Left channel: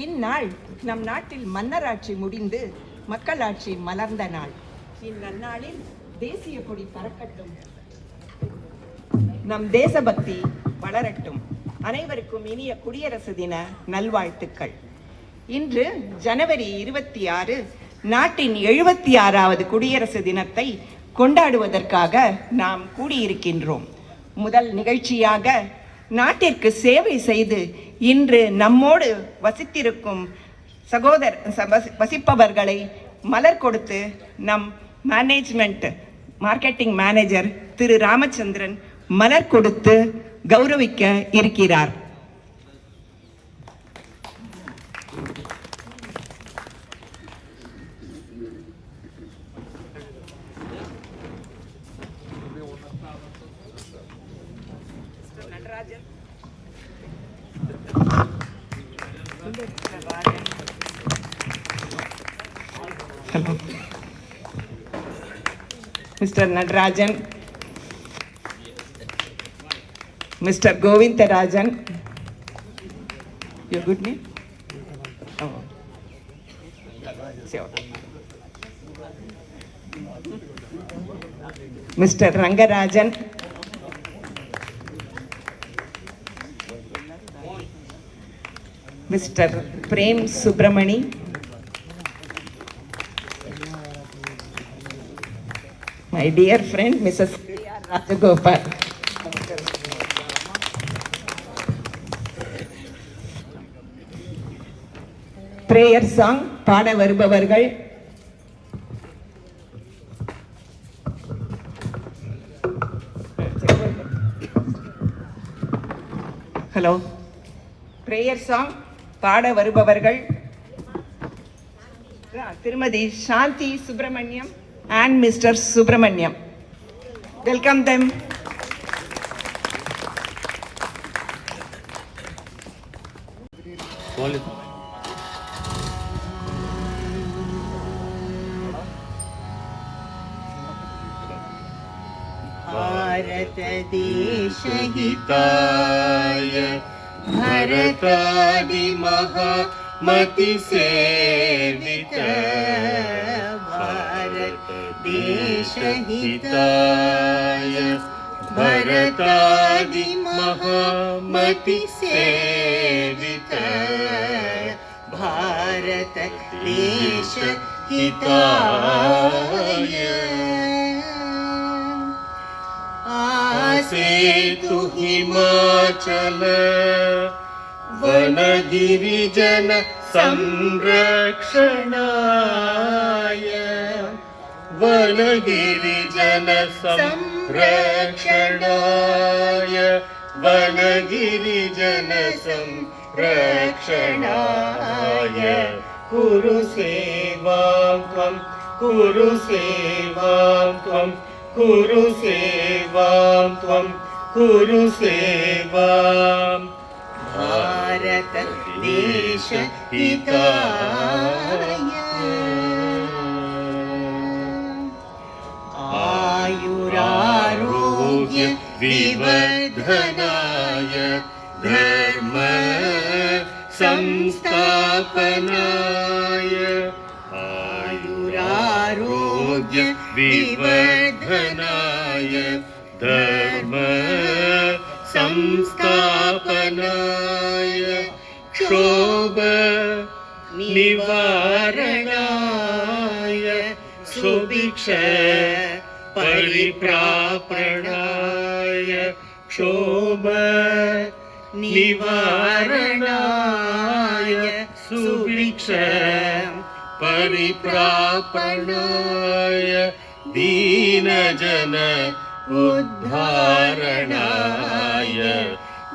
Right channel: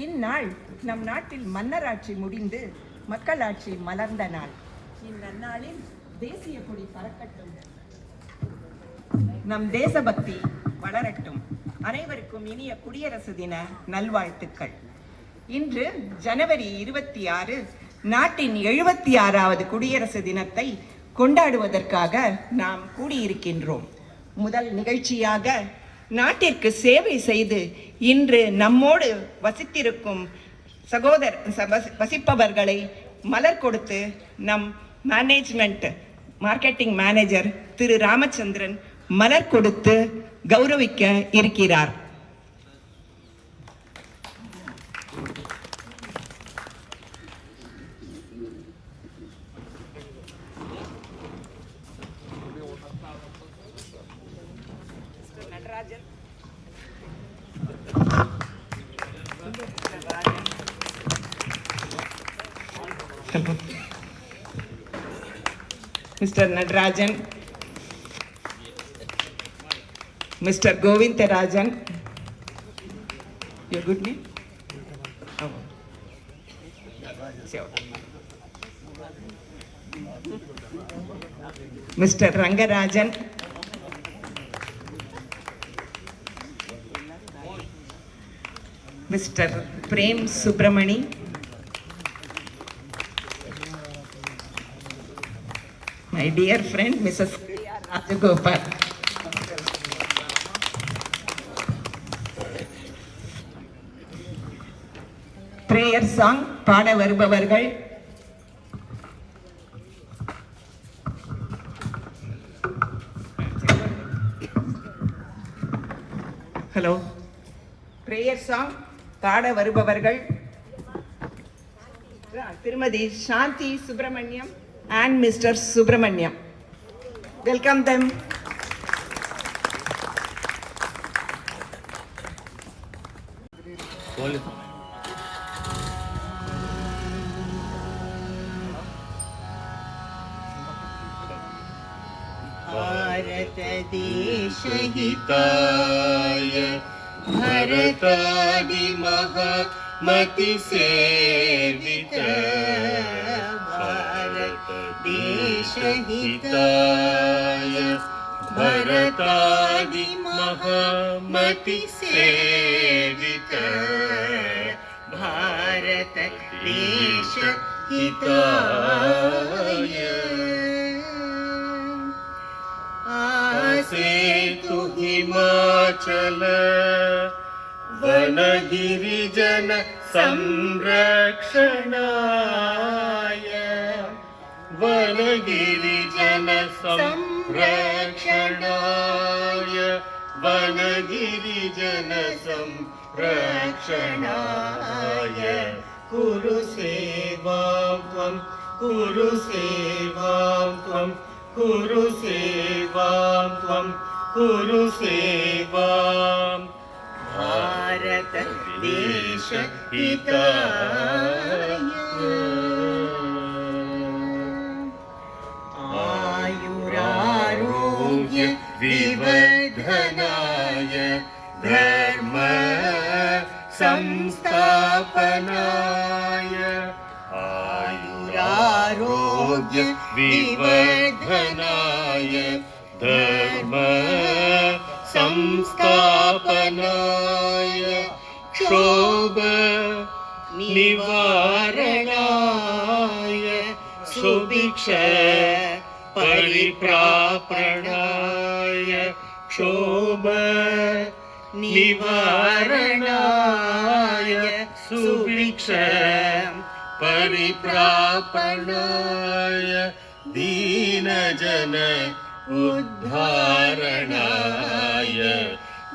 இந்நாள் நம் நாட்டில் மன்னராட்சி முடிந்து மக்களாட்சி மலர்ந்த நாள். இந்நன்னாளில் தேசிய கொடி பறக்கட்டும், நம் தேசபக்தி வளரட்டும். அனைவருக்கும் இனிய குடியரசு தின நல்வாழ்த்துக்கள். இன்று ஜனவரி 26 நாட்டின் 76வது குடியரசு தினத்தை கொண்டாடுவதற்காக நாம் கூடியிருக்கின்றோம். முதல் நிகழ்ச்சியாக நாட்டிற்கு சேவை செய்து இன்று நம்மோடு வசித்திருக்கும் வசிப்பவர்களை மலர் கொடுத்து நம் மார்க்கெட்டிங் மேனேஜர் திரு ராமச்சந்திரன் மலர் கொடுத்து கௌரவிக்க இருக்கிறார். Mr. Nadarajan, Mr. Govindarajan, your good name? Oh. Sure. Mr. Rangarajan, Mr. Prem Subramani, my dear friend Mrs. Rajagopal, prayer song பாட வருபவர்கள் ஹலோ பிரேயர் சாங் பாட வருபவர்கள் திருமதி சாந்தி Subramaniam and Mr. Subramaniam. Welcome them. Bharat देश हिताय भरतादि महामति सेवित देश हिताय भरतादि महामति सेवित भारत देश हिताय आसे तु हिमाचल वन गिरिजन संरक्षणाय वनगिरिजन संरक्षणाय वनगिरिजन संरक्षणाय कुरु सेवां त्वं कुरु सेवां त्वं कुरु सेवां त्वं कुरु सेवां भारत देश हिताय आयुरारोग्य विवर्धनाय धर्म संस्थापनाय आयुरारोग्य विवर्धनाय धर्म संस्थापनाय क्षोभ निवारणाय सुभिक्ष परिप्रापणाय क्षोभ निवारणाय सुभिक्ष परिप्रापणाय दीनजन उद्धारणाय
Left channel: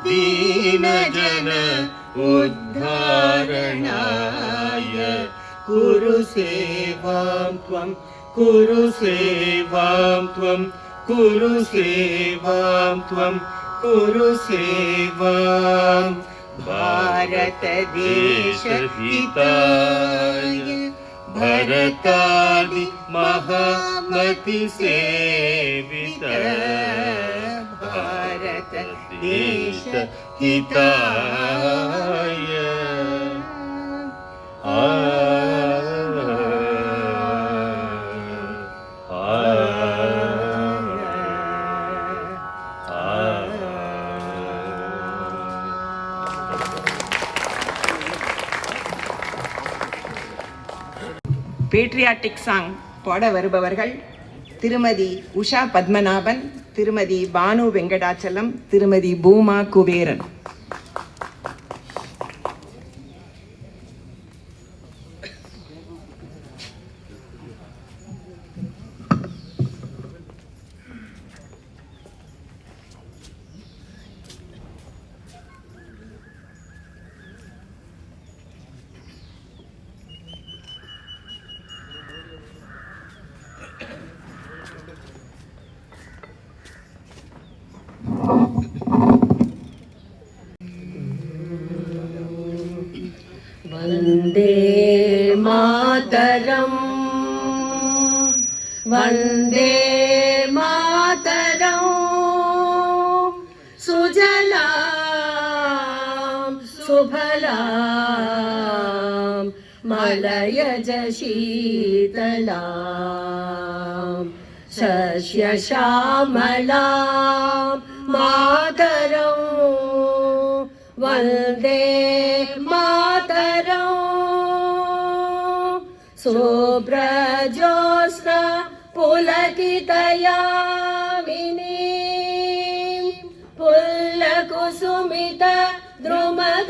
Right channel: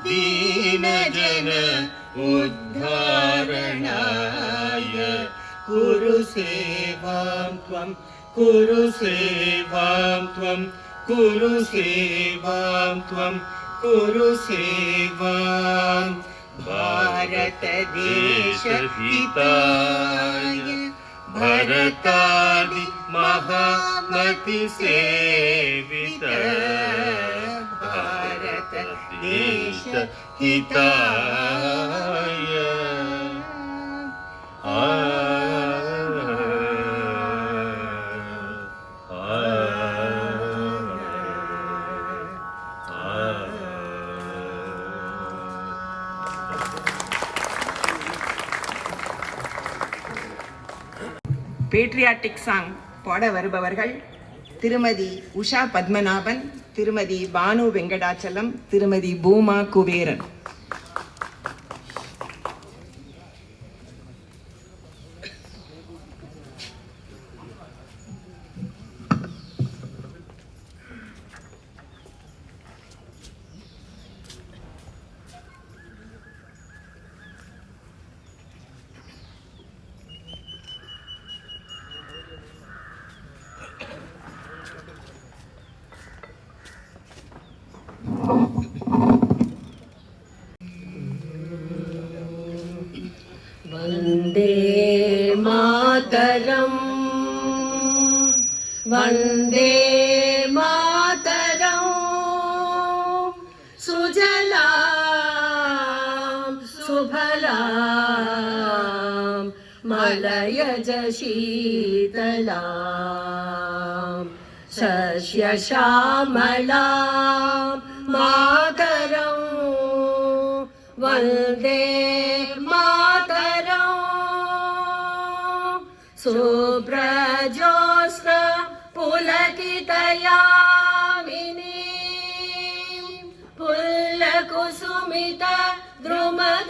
दीनजन उद्धारणाय कुरु सेवां त्वं कुरु सेवां त्वं कुरु सेवां त्वं कुरु सेवां भारत देश हिताय भरतादि महामति सेवित भारत देश हिताय பேட்ரியாட்டிக் சாங் பாட வருபவர்கள் திருமதி உஷா பத்மநாபன், திருமதி பானு வெங்கடாச்சலம், திருமதி பூமா குபேரன். वन्दे मातरम् वन्दे मातरम् सुजलां सुफलां मलयज शीतलां शस्यश्यामलां मातरं वन्दे शुभ्रजोत्स्ना पुलकितयामिनीं पुल्लकुसुमित द्रुमदलशोभिनीं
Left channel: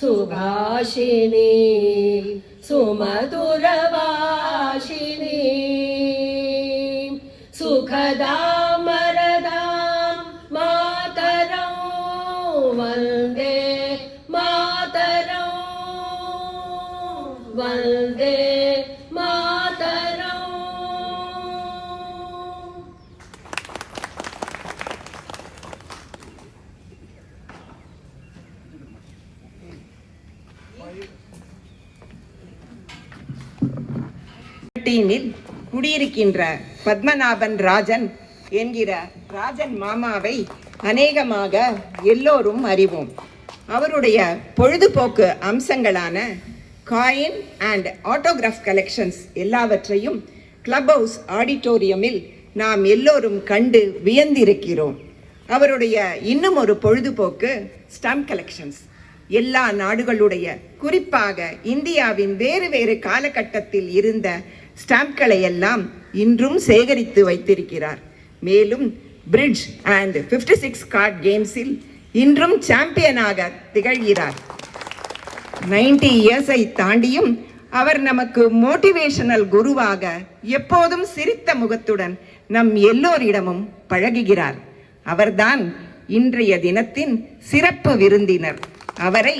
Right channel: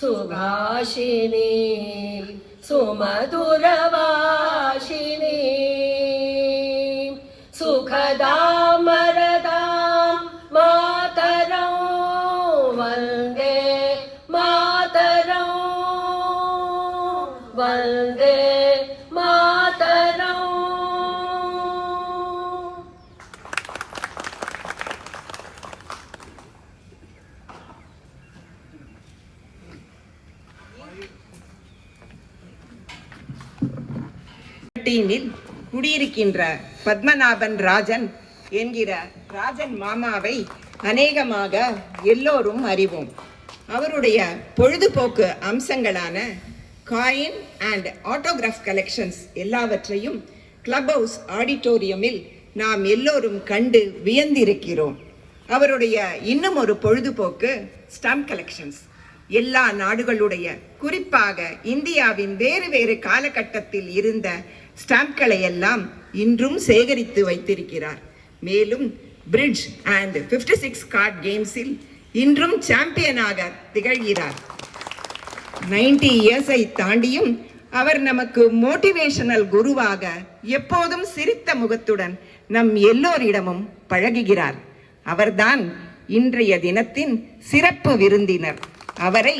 सुभाषिणीं सुमधुरभाषिणीं सुखदां वरदां मातरं वन्दे वन्दे मातरम्. குடியிருக்கின்ற பத்மநாபன் ராஜன் என்கிற ராஜன் மாமாவை அநேகமாக எல்லோரும் அறிவோம். அவருடைய பொழுதுபோக்கு அம்சங்களான காயின் அண்ட் ஆட்டோகிராஃப் கலெக்ஷன்ஸ் எல்லாவற்றையும் கிளப் ஹவுஸ் ஆடிட்டோரியமில் நாம் எல்லோரும் கண்டு வியந்திருக்கிறோம். அவருடைய இன்னும் ஒரு பொழுதுபோக்கு ஸ்டாம்ப் கலெக்ஷன்ஸ். எல்லா நாடுகளுடைய, குறிப்பாக இந்தியாவின் வேறு வேறு காலகட்டத்தில் இருந்த ஸ்டாம்ப்களை எல்லாம் இன்றும் சேகரித்து வைத்திருக்கிறார். மேலும் பிரிட்ஜ் அண்ட் 56 கார்ட் கேம்ஸில் இன்றும் சாம்பியனாக திகழ்கிறார். 90 இயர்ஸை தாண்டியும் அவர் நமக்கு மோட்டிவேஷனல் குருவாக எப்போதும் சிரித்த முகத்துடன் நம் எல்லோரிடமும் பழகுகிறார். அவர்தான் இன்றைய தினத்தின் சிறப்பு விருந்தினர். அவரை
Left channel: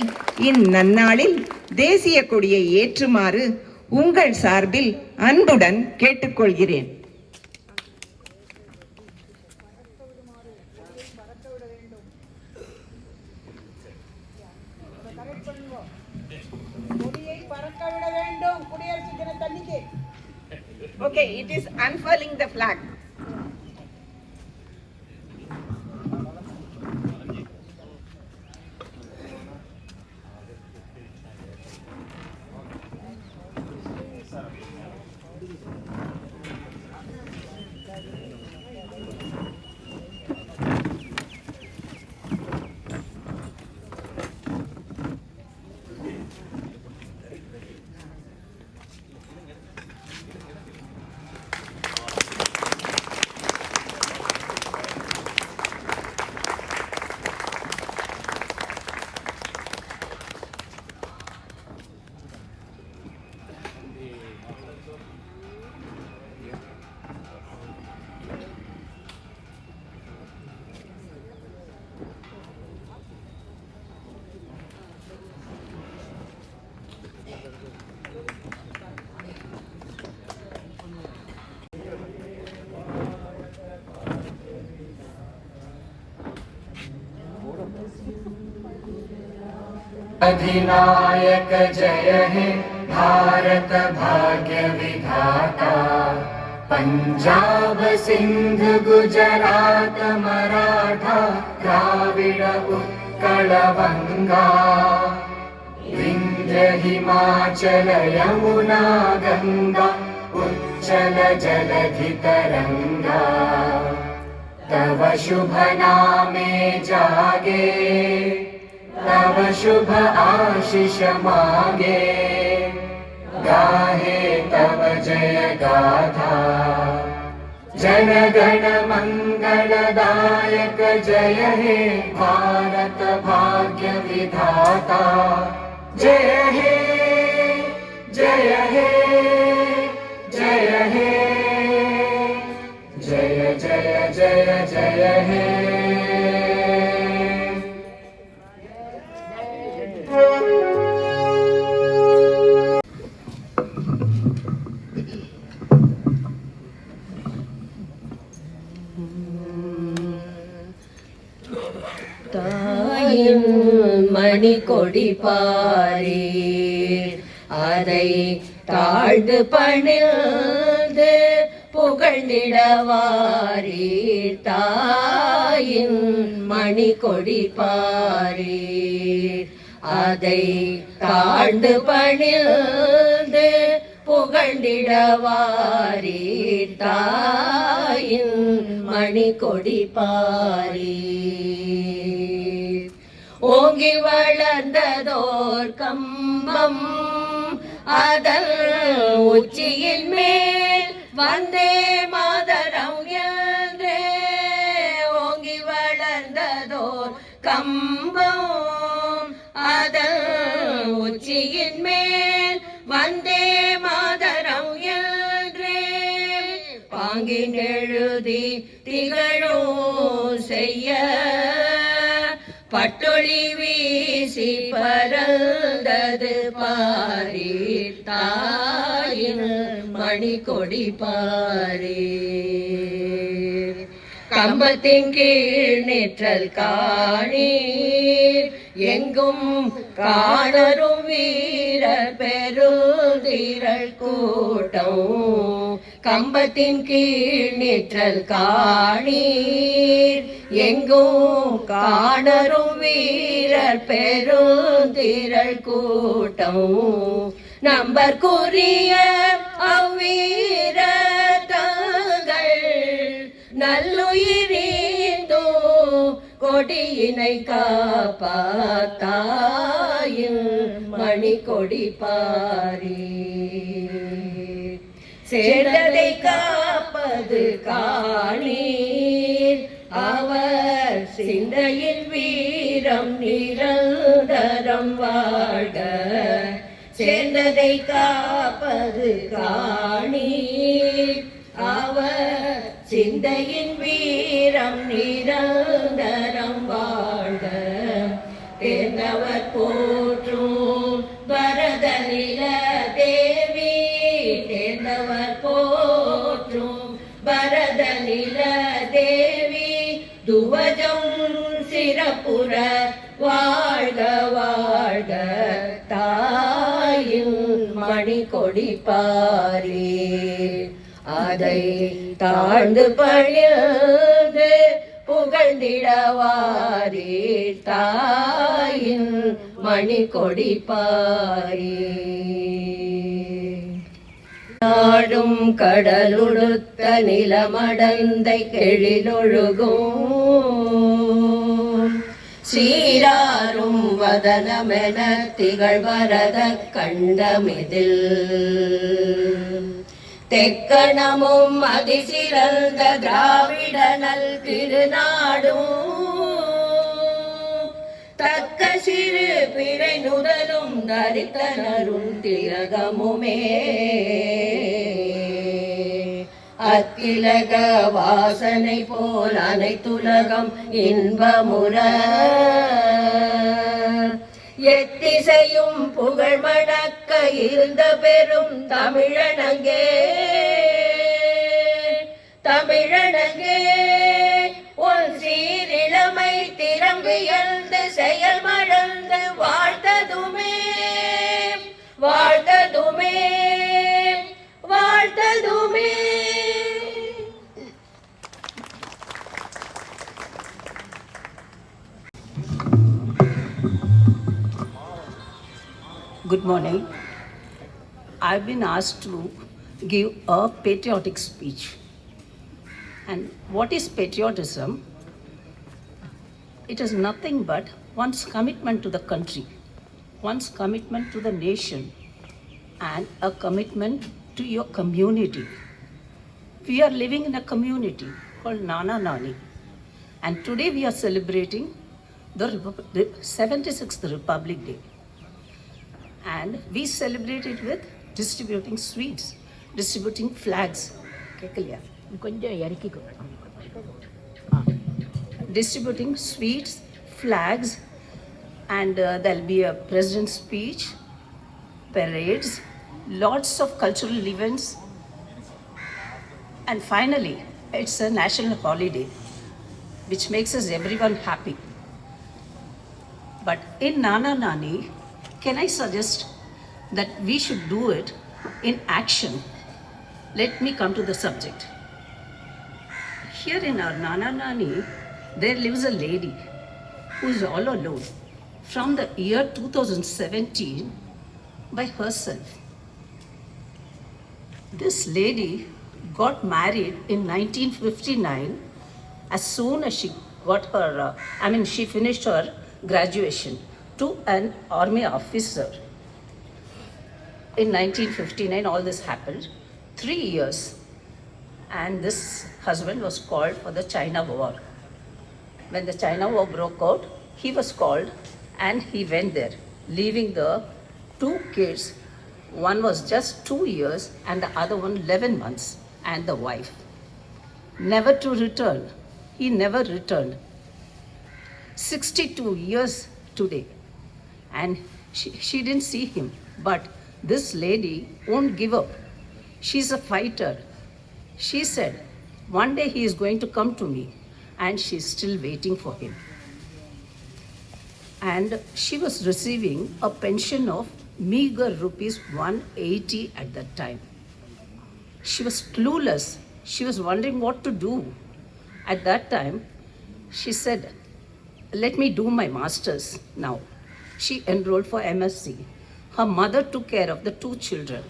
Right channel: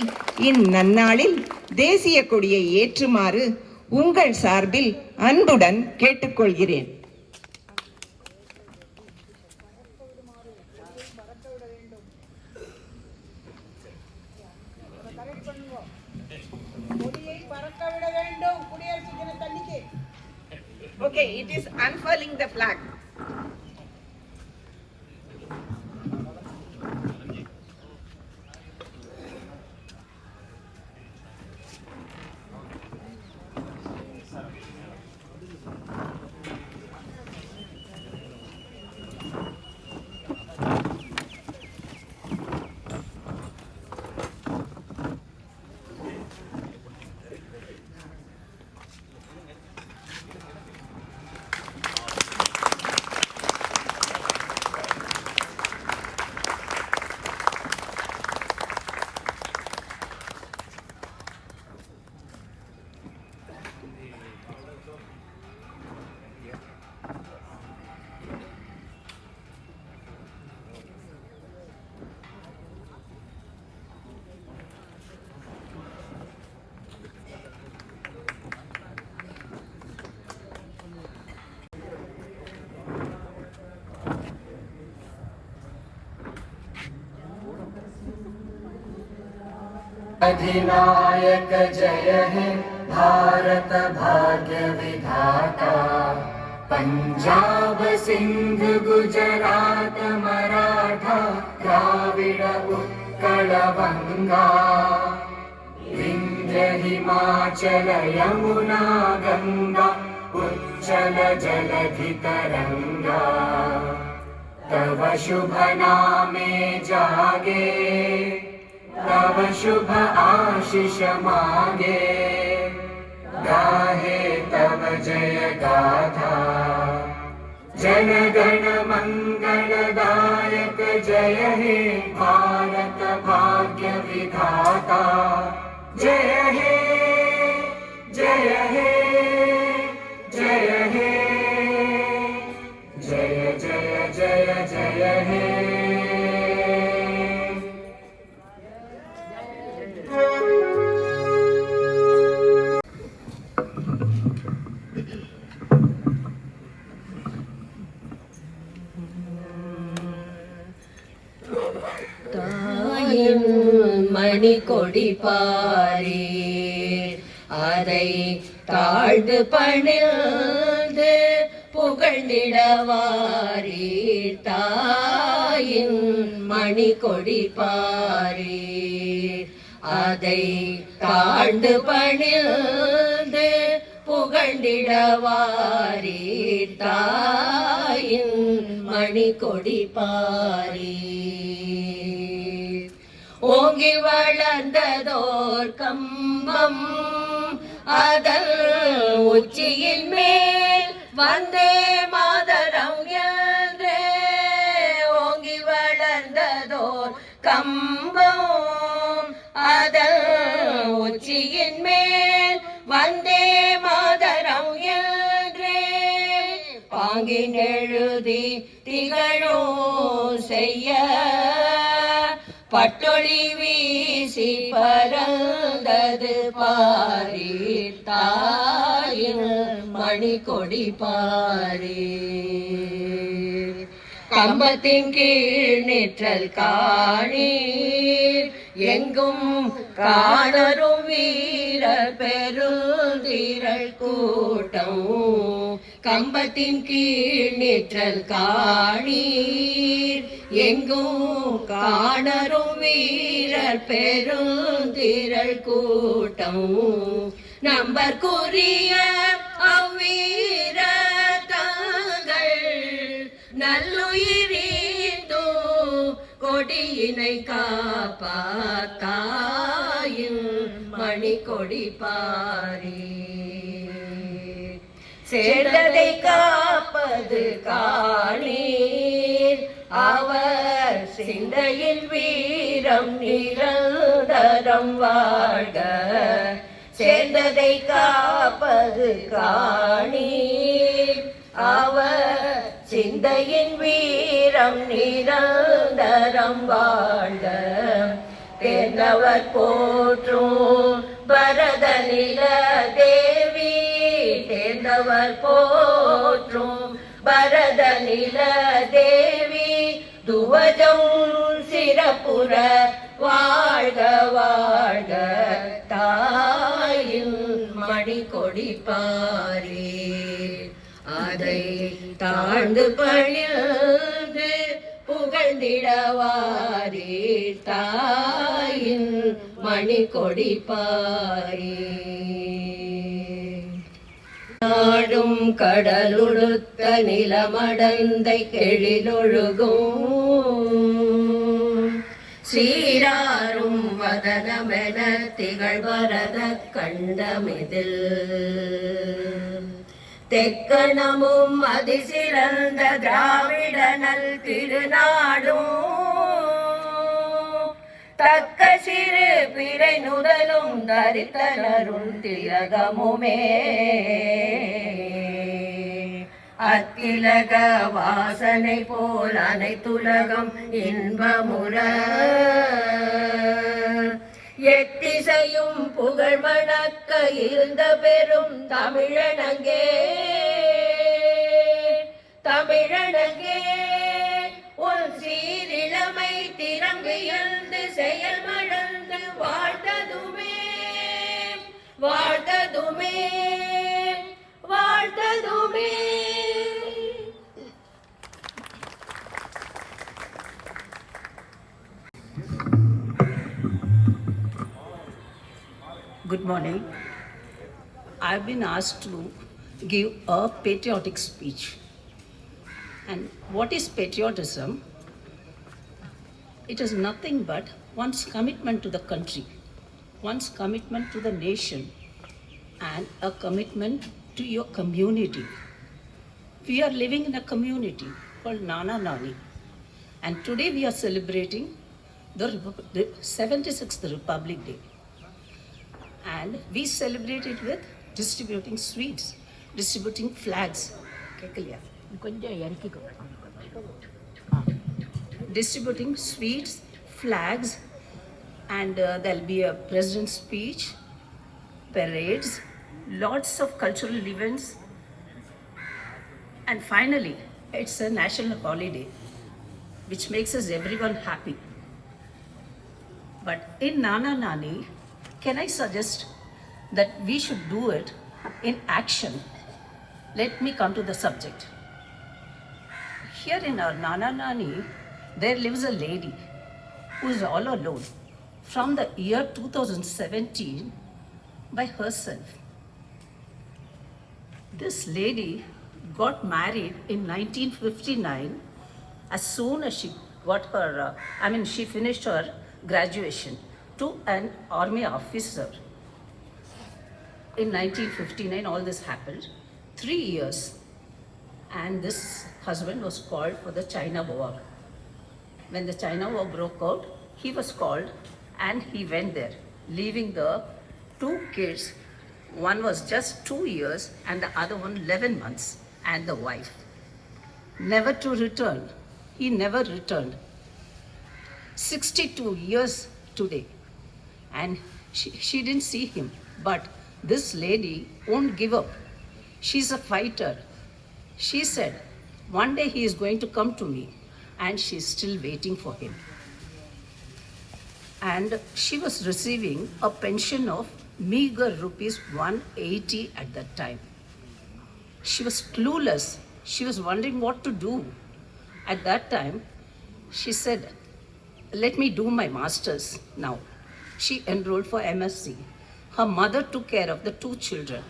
இந்நன்னாளில் தேசிய கொடியை ஏற்றுமாறு உங்கள் சார்பில் அன்புடன் கேட்டுக்கொள்கிறேன். Okay, it is unfurling the flag. अधिनायक जय हे भारत भाग्य विधाता, पंजाब सिंध गुजरात मराठा द्राविड उत्कल बंगा, विंध्य हिमाचल यमुना गंगा उच्चल जलधि तरंगा, तव शुभ नामे जागे तव तव शुभ आशिष मागे गाहे तव जय गाथा जनगण मंगलदायक जय हे भारत भाग्य विधाता जय हे जय हे जय हे जय जय जय जय हे தாயின் மணி கொடி பாரீர் அதை தாழ்ந்து பணிந்து புகழ்ந்திடவாரீர் தாயின் மணி கொடி பாரீர் அதை தாழ்ந்து பணிந்து புகழ்ந்திடவாரீர் தாயின் மணி கொடி பாரீர் ஓங்கி வளர்ந்ததோர் கம்பம் அதன் உச்சியின் மேல் வந்தே மாதரம் என்றே ஓங்கி வளர்ந்ததோர் கம்பம் அதன் உச்சியின் மேல் வந்தே மாதரம் என்றே பாங்கின் எழுதி திகழும் செய்ய பட்டொளி வீசி பறந்தது பாரீர் தாயின் மணி கொடி பாரீர் கம்பத்தின் கீழ் நிற்றல் காணீர் எங்கும் காணரும் வீரர் பெருந்திரள் கூட்டம் கம்பத்தின் கீழ் நிற்றல் காணீர் எங்கும் காணரும் வீரர் பெருந்திரள் கூட்டம் நம்பற்குரிய அவ்வீர தங்கள் நல்லுயிரீந்தோ கொடியினை காப்பாத்தாயின் மணி கொடி பாரீர் சேர்ந்ததை காப்பது காணீர் அவர் சிந்தையில் வீரம் நிரந்தரம் வாழ்க சேர்ந்ததை காப்பது காணீர் அவர் சிந்தையின் வீரம் நிரந்தரம் வாழ்க தேர்ந்தவர் போற்றும் பரத நில தேவி தேர்ந்தவர் போற்றும் பரத நில தேவி துவஜம் சிறப்புற வாழ்க வாழ்க தாயின் மணி கொடி பாரீர் அதை தாழ்ந்து பணிந்து புகழ்ந்திடவாரீர் தாயின் மணி கொடி பாரீர் நாடும் கடலுடுத்த நிலமடந்தை கெழிலொழுகும் சீராரும் வதனமென திகழ்வரத கண்டமிதில் தெக்கணமும் அதிசிறந்த திராவிடனல் திருநாடும் தக்க சிறு பிறை நுதலும் தரித்தனரும் திலகமுமே அத்திலக வாசனை போல் அனைத்துலகம் இன்பமுற எத்திசையும் புகழ் மணக்க இருந்த பெரும் தமிழனங்கே தமிழனங்கே உன் சீரிழமை திறம்பியல்ந்து செயல் மறந்து வாழ்த்ததுமே வாழ்த்ததுமே வாழ்த்ததுமே. Good morning. I've been asked to give a patriotic speech. And what is patriotism? It is nothing but one's commitment to the country, one's commitment to the nation, and a commitment to your community. We are living in a community called Nana Nani, and today we are celebrating the 76th Republic Day. And we celebrate it with distributing sweets, distributing flags. Distributing sweets, flags, and there'll be a president's speech, parades, lots of cultural events, and finally, it's a national holiday, which makes us everyone happy. But in Nana Nani, can I suggest that we should do it in action? Let me come to the subject. Here in our Nana Nani, there lives a lady who is all alone from the year 2017 by herself. This lady got married in 1959 as soon as she got her, she finished her graduation to an army officer. In 1959, all this happened. 3 years, and this husband was called for the China War. When the China War broke out, he was called and he went there, leaving the 2 kids. One was just 2 years and the other one 11 months, and the wife. Never to return. He never returned. 62 years today, and she didn't see him. But this lady won't give up. She's a fighter. She said, one day he is going to come to me, and she's still waiting for him. And she was receiving a pension of meager rupees 180 at that time. She was clueless. She was wondering what to do. At that time, she said, let me do my master's now. She enrolled for MSc. Her mother took care of the 2 children.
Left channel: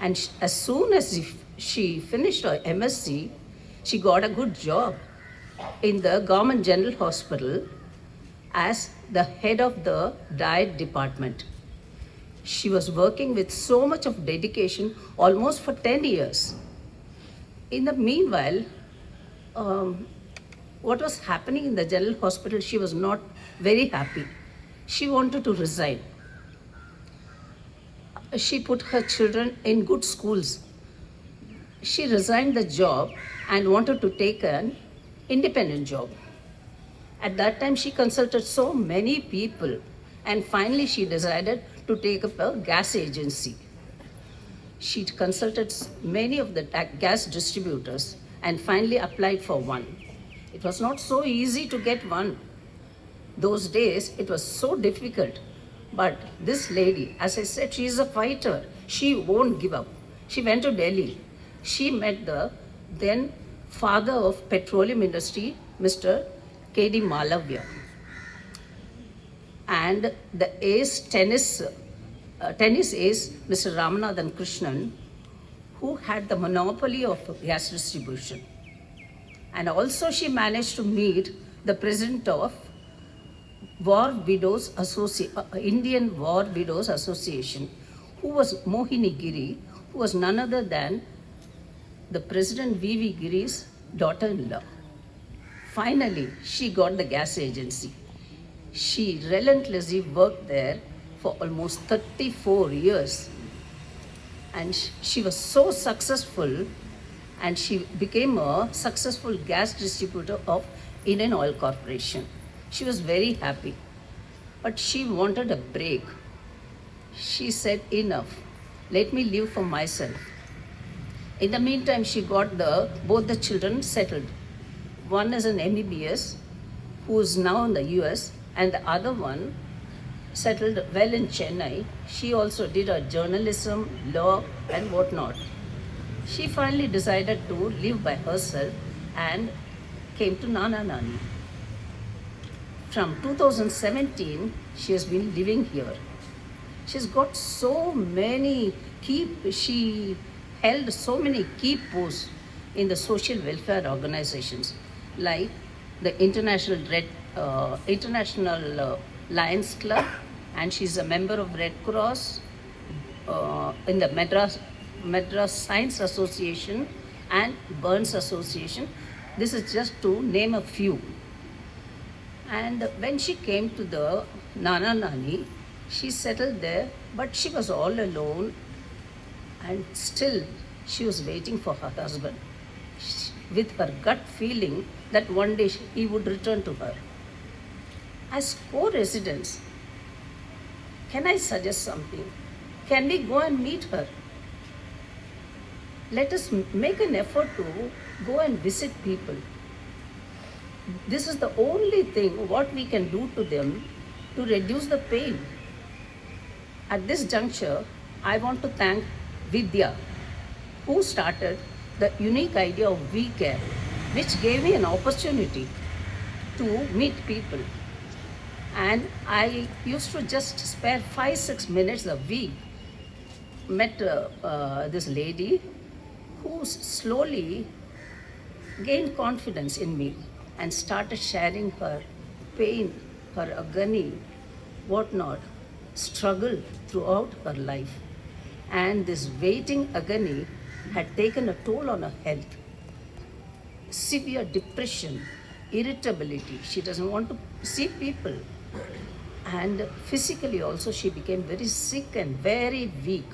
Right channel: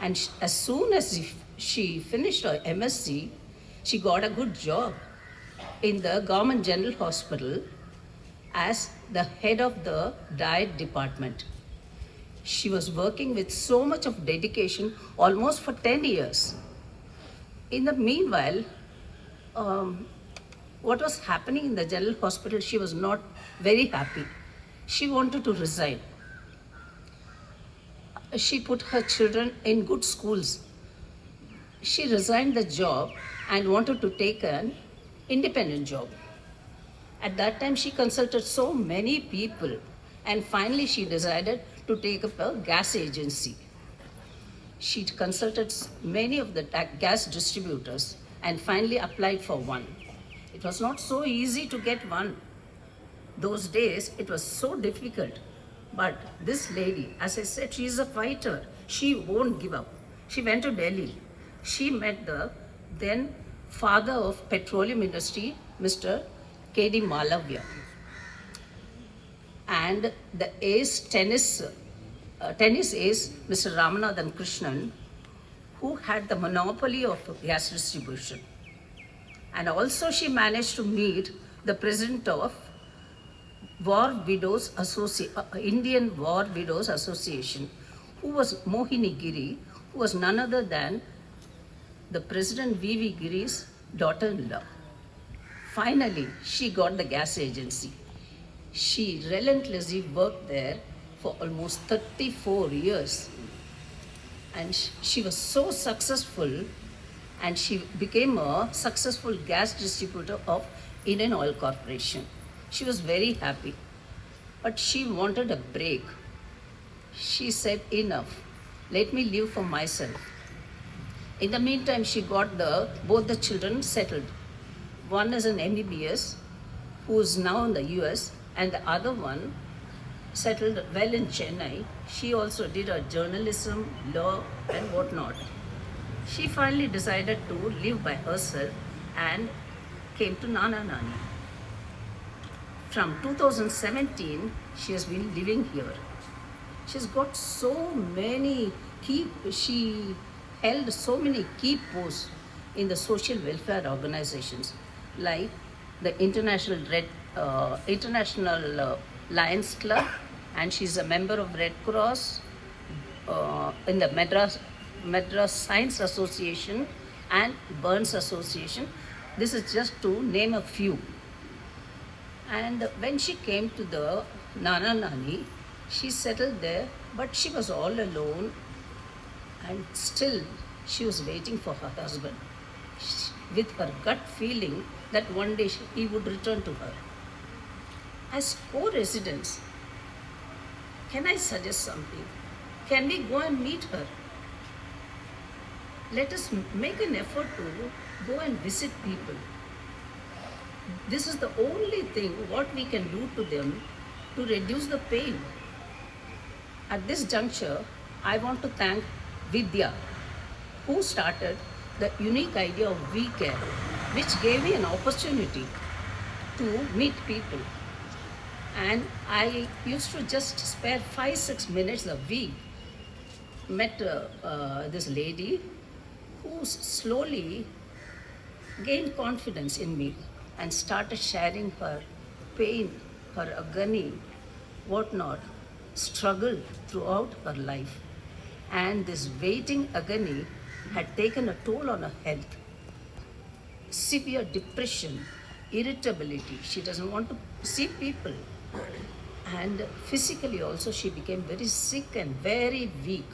And as soon as she finished her MSc, she got a good job in the Government General Hospital as the head of the diet department. She was working with so much of dedication almost for 10 years. In the meanwhile, what was happening in the general hospital, she was not very happy. She wanted to resign. She put her children in good schools. She resigned the job and wanted to take an independent job. At that time, she consulted so many people, and finally she decided to take up a gas agency. She consulted many of the gas distributors and finally applied for one. It was not so easy to get one. Those days, it was so difficult. But this lady, as I said, she is a fighter. She won't give up. She went to Delhi. She met the then father of petroleum industry, Mr. K.D. Malavya, and the tennis ace, Mr. Ramanathan Krishnan, who had the monopoly of gas distribution. And also she managed to meet the president of Indian War Widows Association, who was Mohini Giri, who was none other than the President V.V. Giri's daughter-in-law. Finally, she got the gas agency. She relentlessly worked there for almost 34 years. And she was so successful, and she became a successful gas distributor of Indian Oil Corporation. She was very happy, but she wanted a break. She said, enough, let me live for myself. In the meantime, she got both the children settled. One is an MBBS, who is now in the US, and the other one settled well in Chennai. She also did her journalism, law, and whatnot. She finally decided to live by herself and came to Nana Nani. From 2017, she has been living here. She's got she held so many key posts in the social welfare organizations like the International International Lions Club, and she's a member of Red Cross in the Madras Science Association and Burns Association. This is just to name a few. And when she came to the Nana Nani, she settled there, but she was all alone, and still she was waiting for her husband with her gut feeling that one day he would return to her. As co-residents, can I suggest something? Can we go and meet her? Let us make an effort to go and visit people. This is the only thing what we can do to them to reduce the pain. At this juncture, I want to thank Vidya, who started the unique idea of WeCare, which gave me an opportunity to meet people. And I used to just spare 5-6 minutes a week. Met this lady who slowly gained confidence in me and started sharing her pain, her agony, whatnot, struggle throughout her life. And this waiting agony had taken a toll on her health. Severe depression, irritability, she doesn't want to see people. And physically also she became very sick and very weak.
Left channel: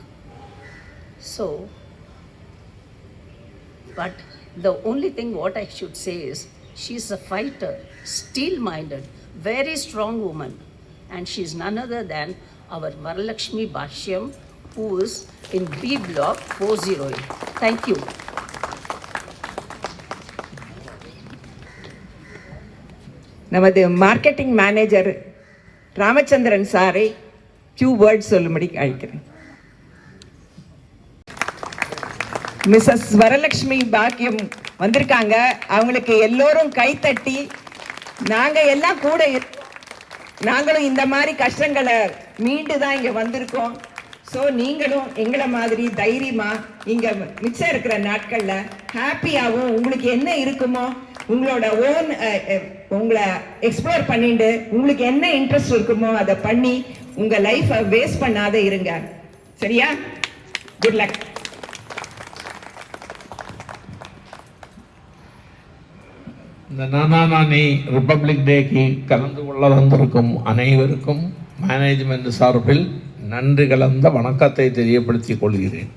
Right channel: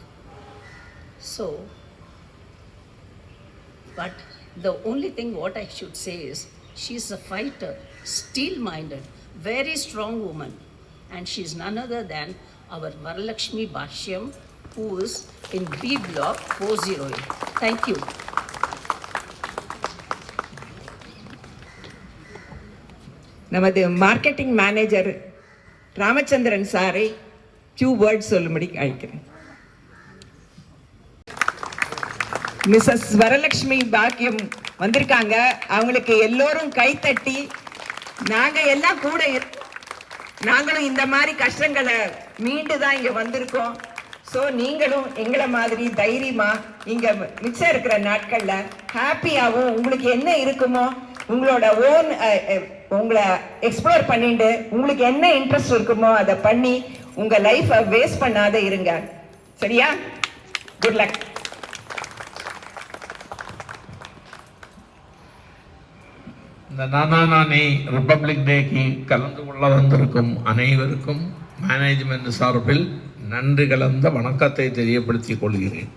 So, but the only thing what I should say is, she's a fighter, steel-minded, very strong woman. And she's none other than our Varalakshmi Bhashyam, who is in B block 408. Thank you. நமது marketing manager Ramachandran சாரை few words சொல்லும்படி அழைக்கிறேன். Mrs Varalakshmi பாக்கியம் வந்திருக்காங்க. அவங்களுக்கு எல்லோரும் கைத்தட்டி, நாங்கள் எல்லாம் கூட நாங்களும் இந்த மாதிரி கஷ்டங்களை மீண்டு தான் இங்கே வந்திருக்கோம். ஸோ நீங்களும் எங்களை மாதிரி தைரியமா இங்கே மிச்சம் இருக்கிற நாட்களில் ஹாப்பியாகவும் உங்களுக்கு என்ன இருக்குமோ உங்களோட ஓன் உங்களை எக்ஸ்ப்ளோர் பண்ணிட்டு உங்களுக்கு என்ன இன்ட்ரெஸ்ட் இருக்குமோ அதை பண்ணி உங்கள் லைஃப்பை வேஸ்ட் பண்ணாத இருங்க. சரியா? Good luck. இந்த நானா நானி ரிப்பப்ளிக் டேக்கு கலந்து கொள்ள வந்திருக்கும் அனைவருக்கும் மேனேஜ்மெண்ட் சார்பில் நன்றி கலந்த வணக்கத்தை தெரியப்படுத்திக் கொள்கிறேன்.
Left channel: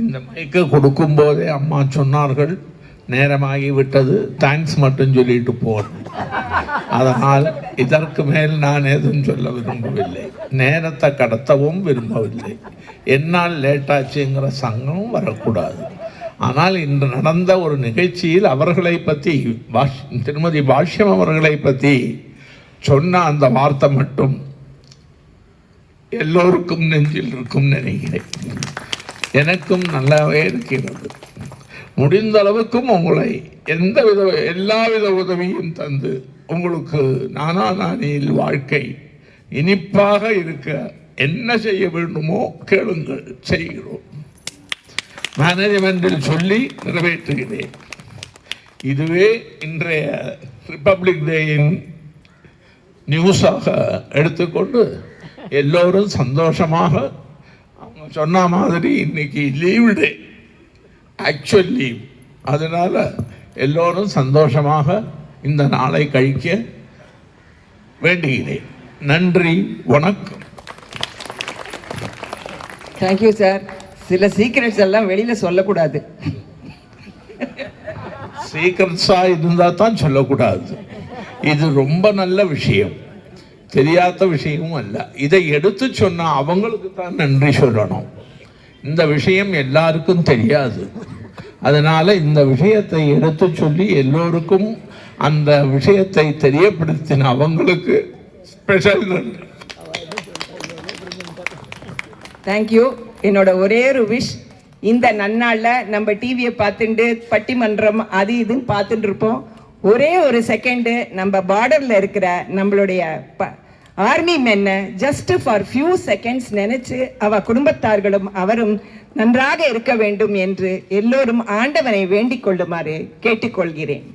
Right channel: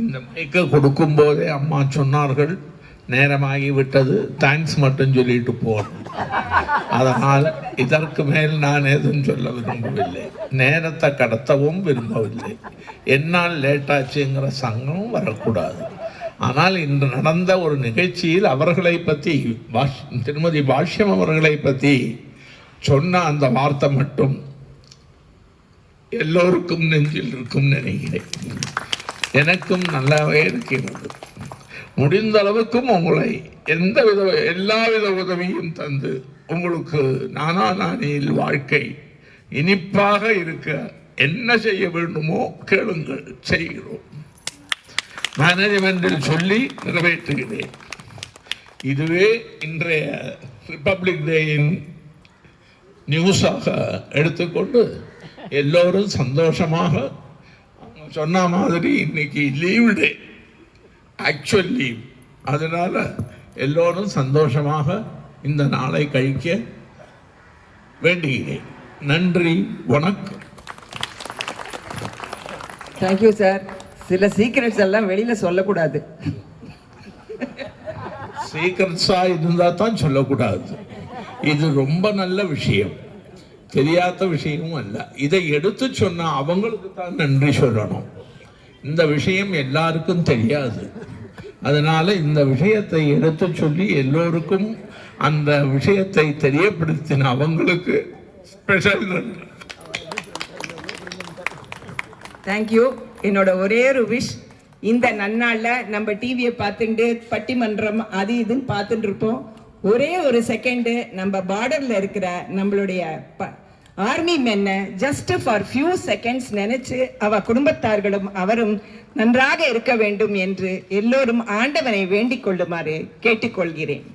இந்த மைக்கை கொடுக்கும்போதே அம்மா சொன்னார்கள், நேரமாகிவிட்டது, தேங்க்ஸ் மட்டும் சொல்லிட்டு போகணும். அதனால் இதற்கு மேல் நான் எதுவும் சொல்ல விரும்பவில்லை, நேரத்தை கடத்தவும் விரும்பவில்லை. என்னால் லேட்டாச்சுங்கிற சங்கம் வரக்கூடாது. ஆனால் இன்று நடந்த ஒரு நிகழ்ச்சியில் அவர்களை பற்றி திருமதி பாஷ்யம் அவர்களை பற்றி சொன்ன அந்த வார்த்தை மட்டும் எல்லோருக்கும் நெஞ்சில் இருக்கும் நினைக்கிறேன். எனக்கும் நல்லாவே இருக்கிறது. முடிந்த அளவுக்கும் உங்களை எல்லாவித உதவியும் தந்து உங்களுக்கு நானா நானியில் வாழ்க்கை இனிப்பாக இருக்க என்ன செய்ய வேண்டுமோ கேளுங்கள், செய்கிறோம். மேனேஜ்மெண்டில் சொல்லி நிறைவேற்றுகிறேன். இதுவே இன்றைய ரிப்பப்ளிக் டேயின் நியூஸாக எடுத்துக்கொண்டு எல்லோரும் சந்தோஷமாக, அவங்க சொன்ன மாதிரி இன்னைக்கு லீவ் டே, ஆக்சுவல் லீவ், அதனால எல்லோரும் சந்தோஷமாக இந்த நாளை கழிக்க வேண்டுகிறேன். நன்றி, வணக்கம். Thank you sir. சில சீக்ரெட்ஸ் எல்லாம் வெளியில சொல்லக்கூடாது. சீக்கிரட்ஸா இருந்தா தான் சொல்லக்கூடாது. இது ரொம்ப நல்ல விஷயம், தெரியாத விஷயமும் அல்ல. இதை எடுத்து சொன்னா அவங்களுக்கு தான் நன்றி சொல்லணும். இந்த விஷயம் எல்லாருக்கும் தெரியாது. அதனால இந்த விஷயத்தை எடுத்து சொல்லி எல்லோருக்கும் அந்த விஷயத்தை தெரியப்படுத்தின அவங்களுக்கு ஸ்பெஷல் நன்றி. தேங்க்யூ. என்னோட ஒரே ஒரு விஷ், இந்த நன்னாளில் நம்ம டிவியை பார்த்துட்டு பட்டிமன்றம் அது இதுன்னு பார்த்துட்டு இருப்போம். ஒரே ஒரு செகண்டு நம்ம பார்டரில் இருக்கிற நம்மளுடைய ஆர்மி மென்னை ஜஸ்ட் ஃபார் ஃபியூ செகண்ட்ஸ் நினைச்சு அவ குடும்பத்தார்களும் அவரும் நன்றாக இருக்க வேண்டும் என்று எல்லோரும் ஆண்டவனை வேண்டிக் கொள்ளுமாறு கேட்டுக்கொள்கிறேன்.